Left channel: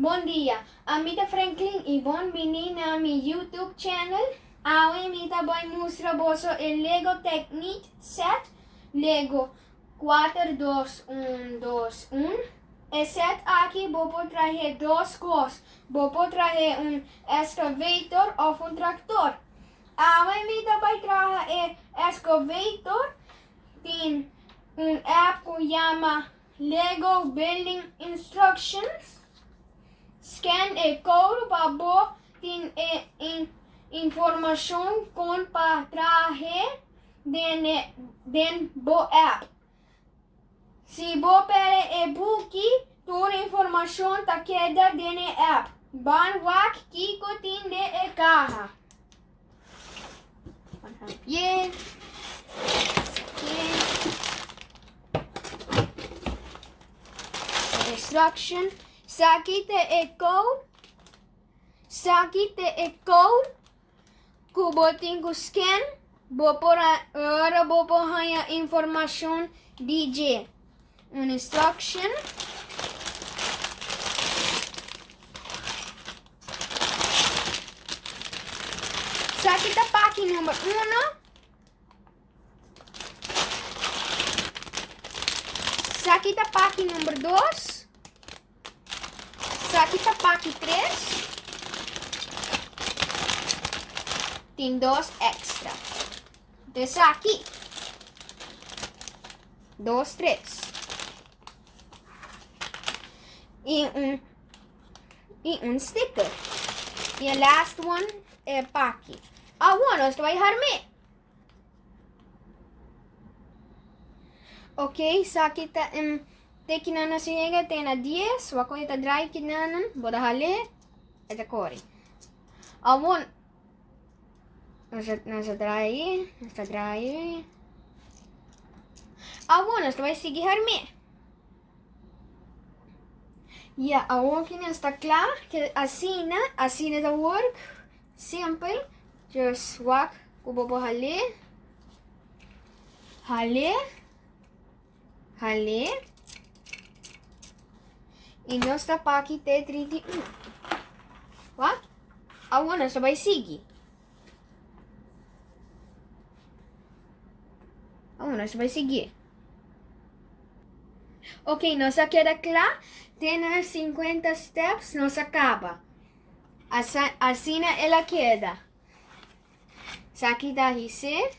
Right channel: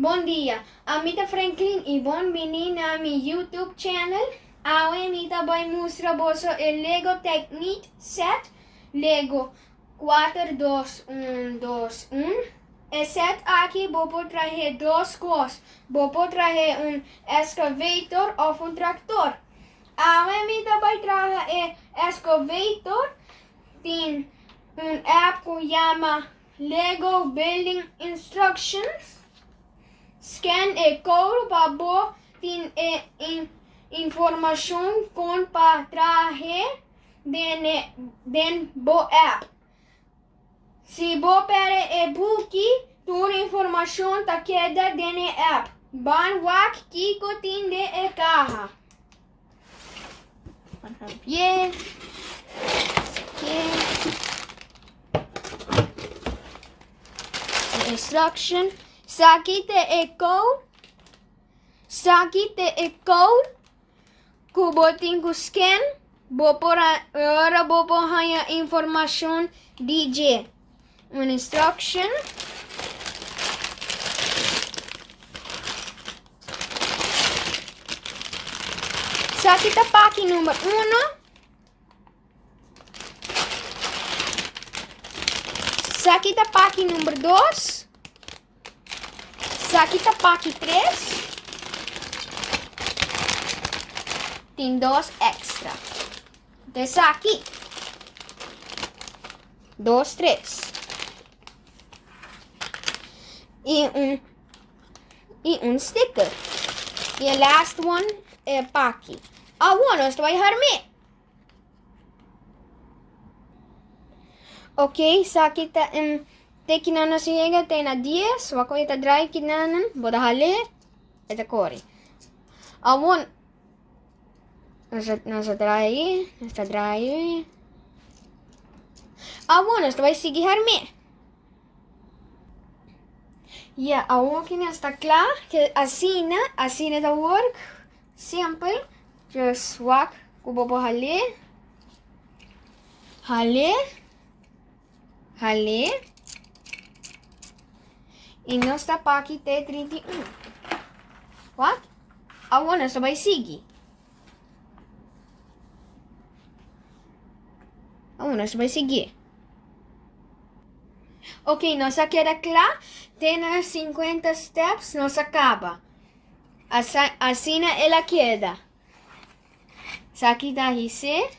Bom dia, amita Franklin e bem-vindo a meu YouTube channel. Hoje eu vou mostrar você o Lego Technic set Lego 42121. E set aqui vou trazer duas coisas. Vou trazer excavator ou tractor. Hoje eu vou trazer excavator. Tem app que chama Lego Building Instructions. Scan e code para bo tin informação com para trazer den bo app. Se bo pere e book, toda informação tá queda den app. Ban wak kiko tin de e caja. Bien. Instruction. Sakite e code. Sakite e code. Kubotin ku scan. Agora vou pôr a informação DJ. Uma instruction. Sakita pack número 1. Sakita pack número 2. Sakita pack 3. Tem 2 extra. Desse aqui. 2, 3. E um sticker. E o last one é pack. Nós vai harme. Ok, sakita te kinanan siya te na 10, wako ita dry kinanan, boda hali, ita kori. Awon, nasa dry. Awon, nasa vai sigi harme. Yeah, awon kina está klar, que asina the work, simple, just wak, kubobo hali. E nós está para aqui T31. What? Nós vai seguir. Nós vai seguir. Ok, nós queda claro. Tem 50 steps, nós acaba. Assim ela queda. Aqui da RC.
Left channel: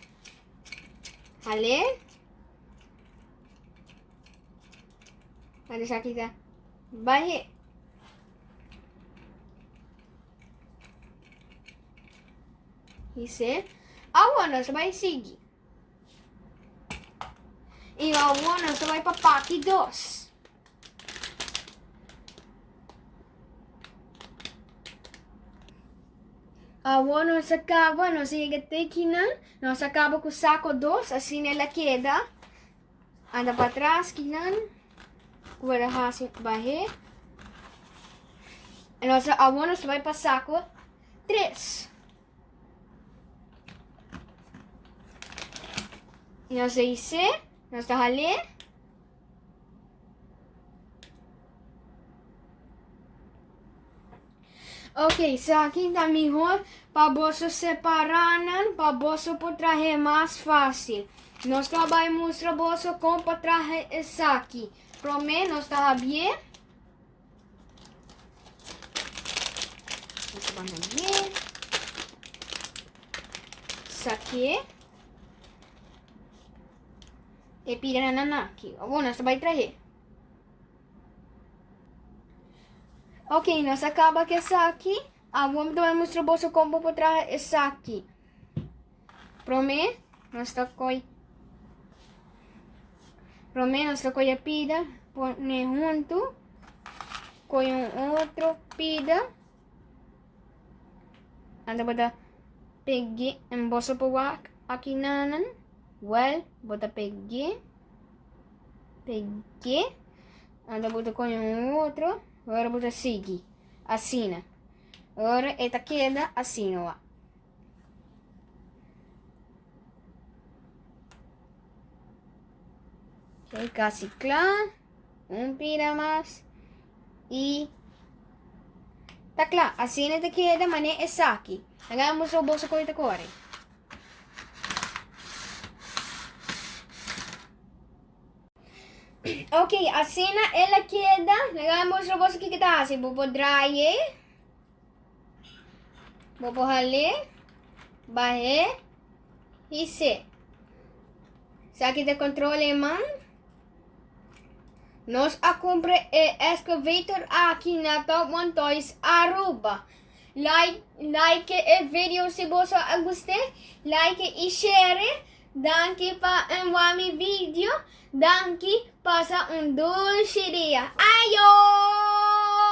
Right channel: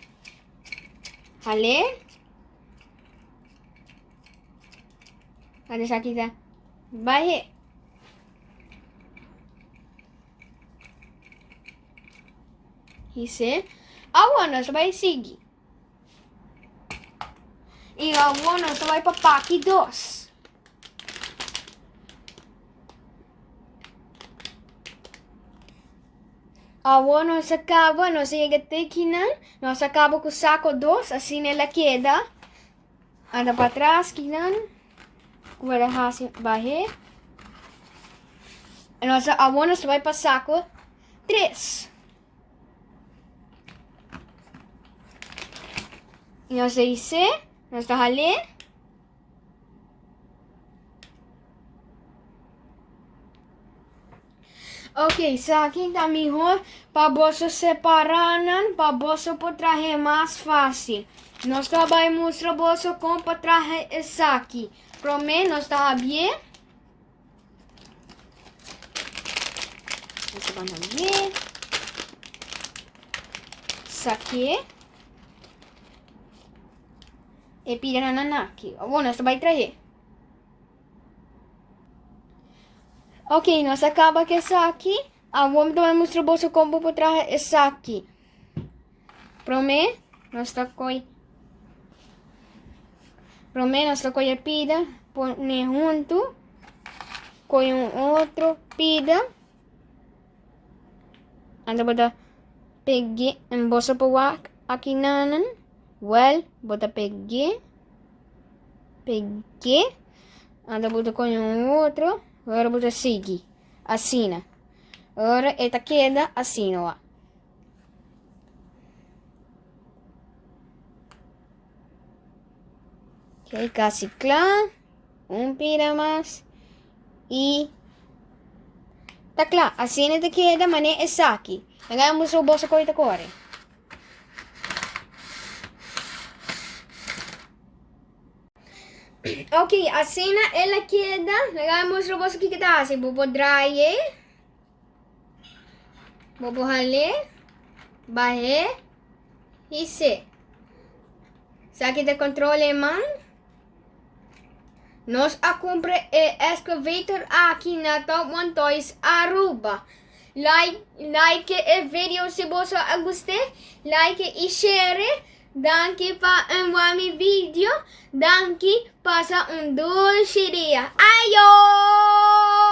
Ale. Ada aqui da. Vai. Isso. Nós vai seguir. E nós vai para pack 2. Nós acaba, nós chega até aqui, nós acaba com o saco 2, assim ela queda. Anda para trás, aqui, agora vai. Nós vai para saco 3. E nós dice, nós está ali. Ok, isso aqui está melhor para você separar, para você poder trazer mais fácil. Nós vamos mostrar você como para trazer isso aqui. Para mim, nós está bem. Nós vamos ver. Isso aqui. E pira na aqui. Nós vai trazer. Ok, nós acaba com essa aqui. Vamos mostrar você como para trazer essa aqui. Para mim, nós está com a pida, põe junto com outro pida. Anda bota peguei, bolsa para aqui nanan. Bota peguei. Anda bota com outro. Agora bota seguir. Assim. Agora esta queda assim, ó. Ok, casi claro. Un pira más. Y Tá claro, a cena te queda, mané, é aqui. Hagamos o bolso corta core. Ok, a cena ela queda, hagamos o bolso que tá assim. Vou draie. Vou rale. Bahe. E se. Aqui de controle man. Nós a compra e excavator aqui na Top One Toys Aruba. Like e vídeo se você gostou. Like e share. Danke para um vídeo. Danke, passa um doce dia. Ayo!